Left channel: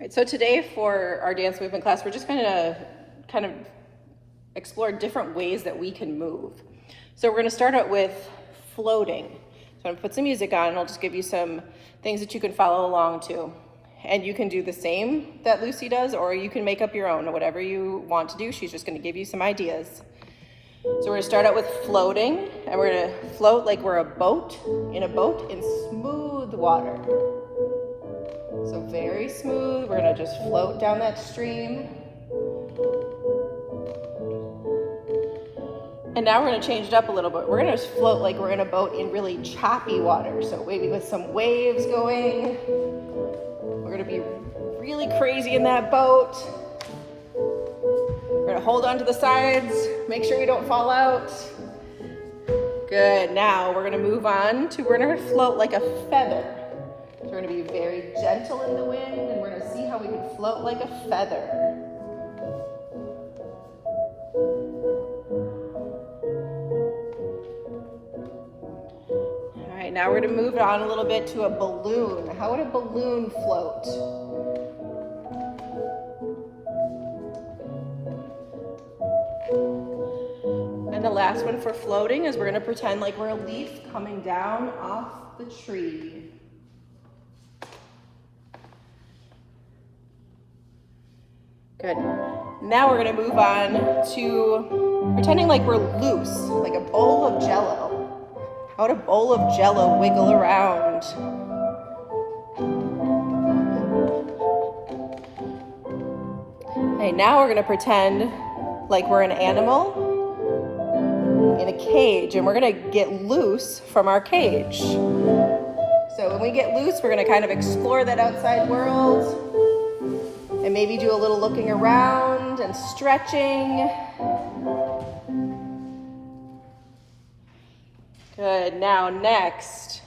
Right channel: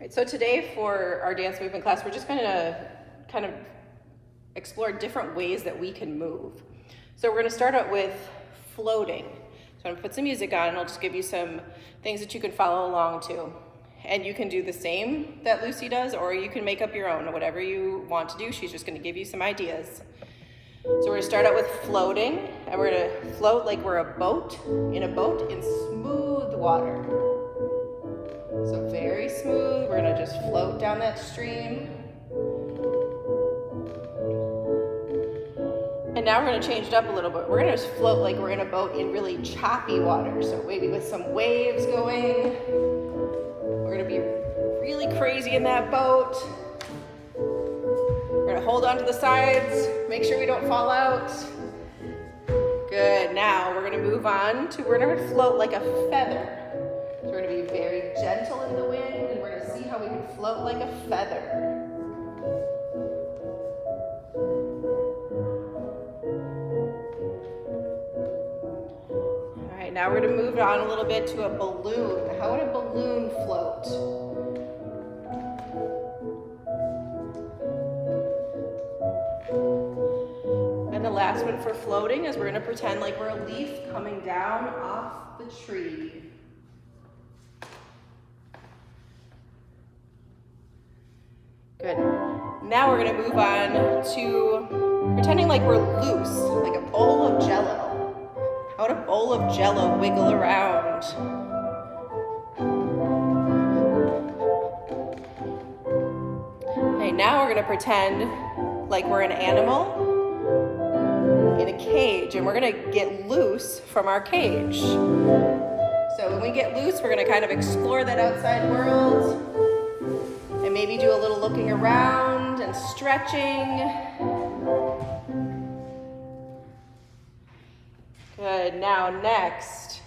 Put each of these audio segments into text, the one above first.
Right, so today for our dance movement class, we're just going to kind of explore different ways that we can move. So we're going to start out with floating. So I'm going to put some music on, and I'll just give you some things that you can follow along to. And you can do the same that Lucy does, or you can make up your own, whatever you want to do. She's just going to give you some ideas. So we're going to start out with floating, and we're going to float like we're a boat in smooth water. So very smooth, we're going to just float down that stream. And now we're going to change it up a little bit. We're going to just float like we're in a boat in really choppy water, so maybe with some waves going. We're going to be really crazy in that boat. We're going to hold on to the sides, make sure we don't fall out. Good, now we're going to move on to, we're going to float like a feather. So we're going to be very gentle in the wind, and we're going to see how we can float like a feather. All right, now we're going to move on a little bit to a balloon. How would a balloon float? And the last one for floating is we're going to pretend like we're a leaf coming down off the tree. Good. Now we're going to move on to pretending like we're loose, like a bowl of Jell-O. How would a bowl of Jell-O wiggle around? Okay, now we're going to pretend like we're an animal in a cage, and we're going to get loose from our cage. So when we get loose, we're going to kind of explore that outside world. And maybe do a little looking around and stretching. Good, now next,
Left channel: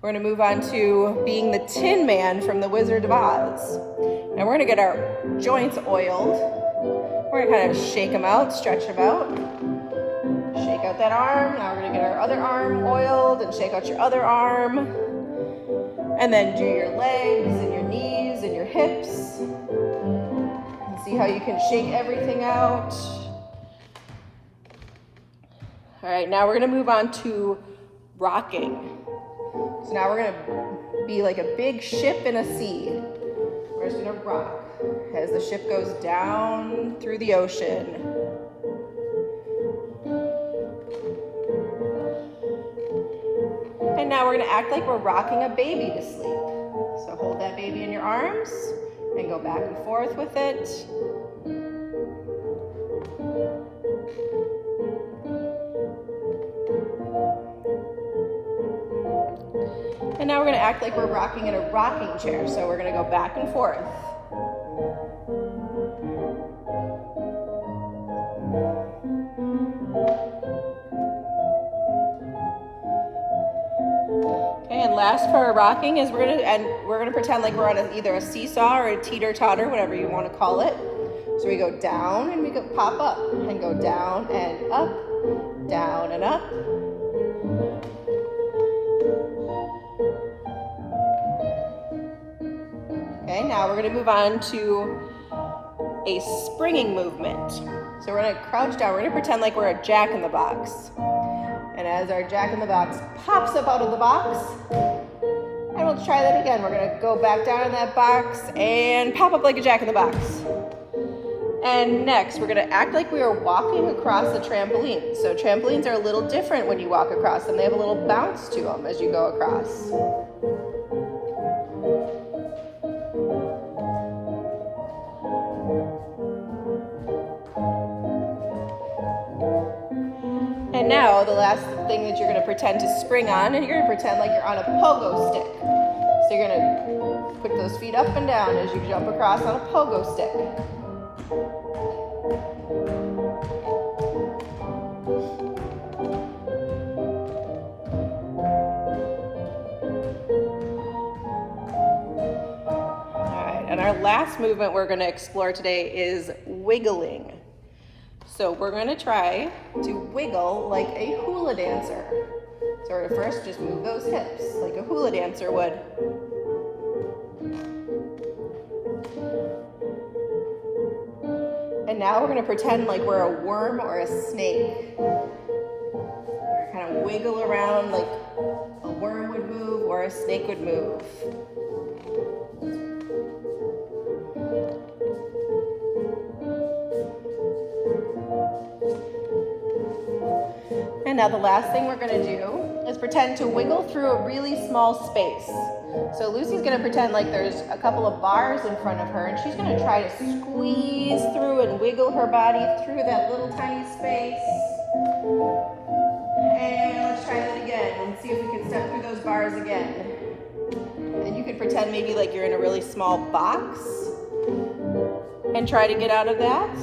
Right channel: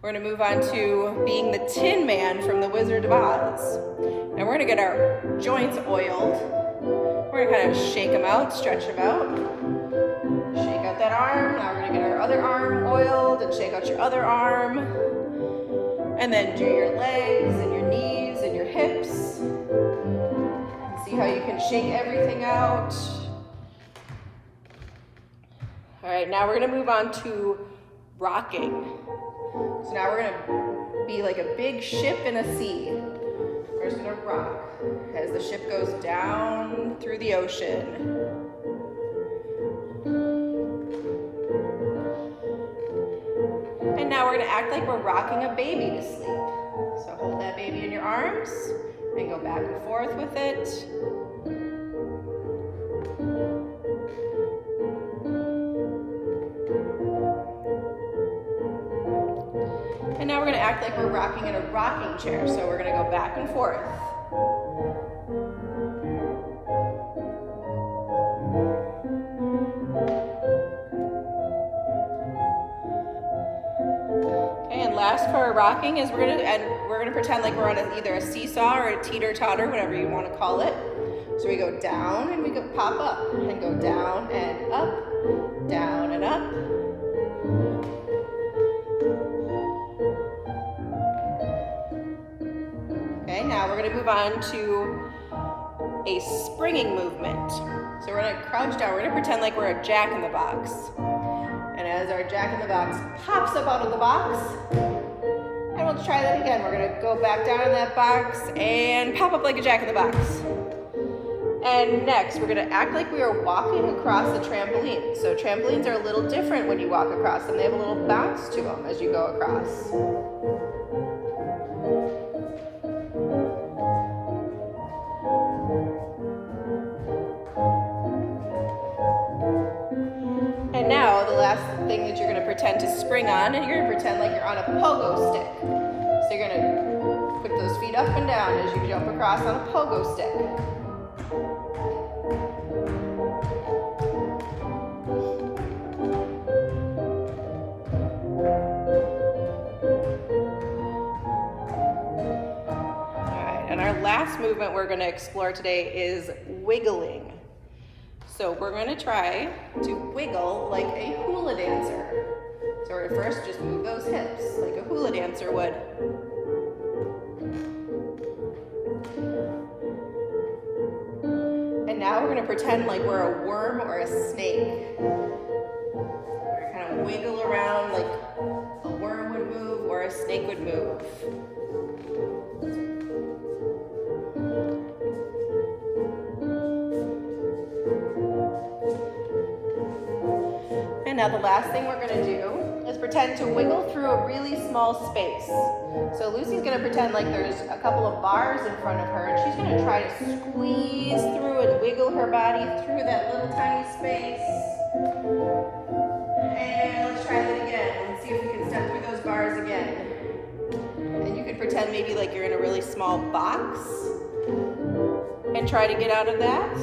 we're gonna move on to being the Tin Man from the Wizard of Oz. And we're gonna get our joints oiled. We're gonna kind of shake them out, stretch them out. Shake out that arm, now we're gonna get our other arm oiled and shake out your other arm. And then do your legs and your knees and your hips. See how you can shake everything out. All right, now we're gonna move on to rocking. So now we're gonna be like a big ship in a sea. We're just gonna rock as the ship goes down through the ocean. And now we're gonna act like we're rocking a baby to sleep. So hold that baby in your arms and go back and forth with it. And now we're gonna act like we're rocking in a rocking chair. So we're gonna go back and forth. Last part of rocking is we're gonna pretend like we're on either a seesaw or a teeter-totter, whatever you want to call it. So we go down and we go pop up and go down and up, down and up. Okay, now we're gonna move on to a springing movement. So we're gonna crouch down. We're gonna pretend like we're a Jack-in-the-Box. And as our Jack-in-the-Box pops up out of the box, and we'll try that again. We're gonna go back down in that box and pop up like a Jack-in-the-Box. And next, we're gonna act like we are walking across a trampoline. So trampolines are a little different when you walk across them. They have a little bounce to them as you go across. And now the last thing that you're going to pretend to spring on, and you're going to pretend like you're on a pogo stick. So you're going to put those feet up and down as you jump across on a pogo stick. All right, and our last movement we're going to explore today is wiggling. So we're going to try to wiggle like a hula dancer. So we're going to first just move those hips like a hula dancer would. now we're gonna pretend like we're a worm or a snake. We're gonna kind of wiggle around like a worm would move or a snake would move. And now the last thing we're gonna do is pretend to wiggle through a really small space. So Lucy's gonna pretend like there's a couple of bars in front of her, and she's gonna try to squeeze through and wiggle her body through that little tiny space. And let's try that again and see if we can step through those bars again. And you can pretend maybe like you're in a really small box and try to get out of that.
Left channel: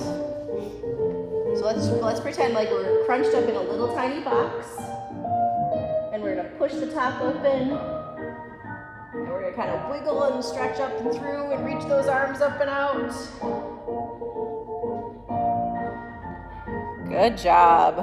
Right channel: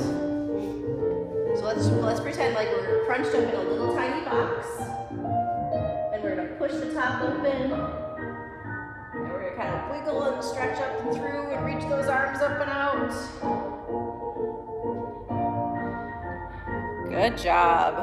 So let's pretend like we're crunched up in a little tiny box. And we're gonna push the top open. And we're gonna kind of wiggle and stretch up and through and reach those arms up and out. Good job.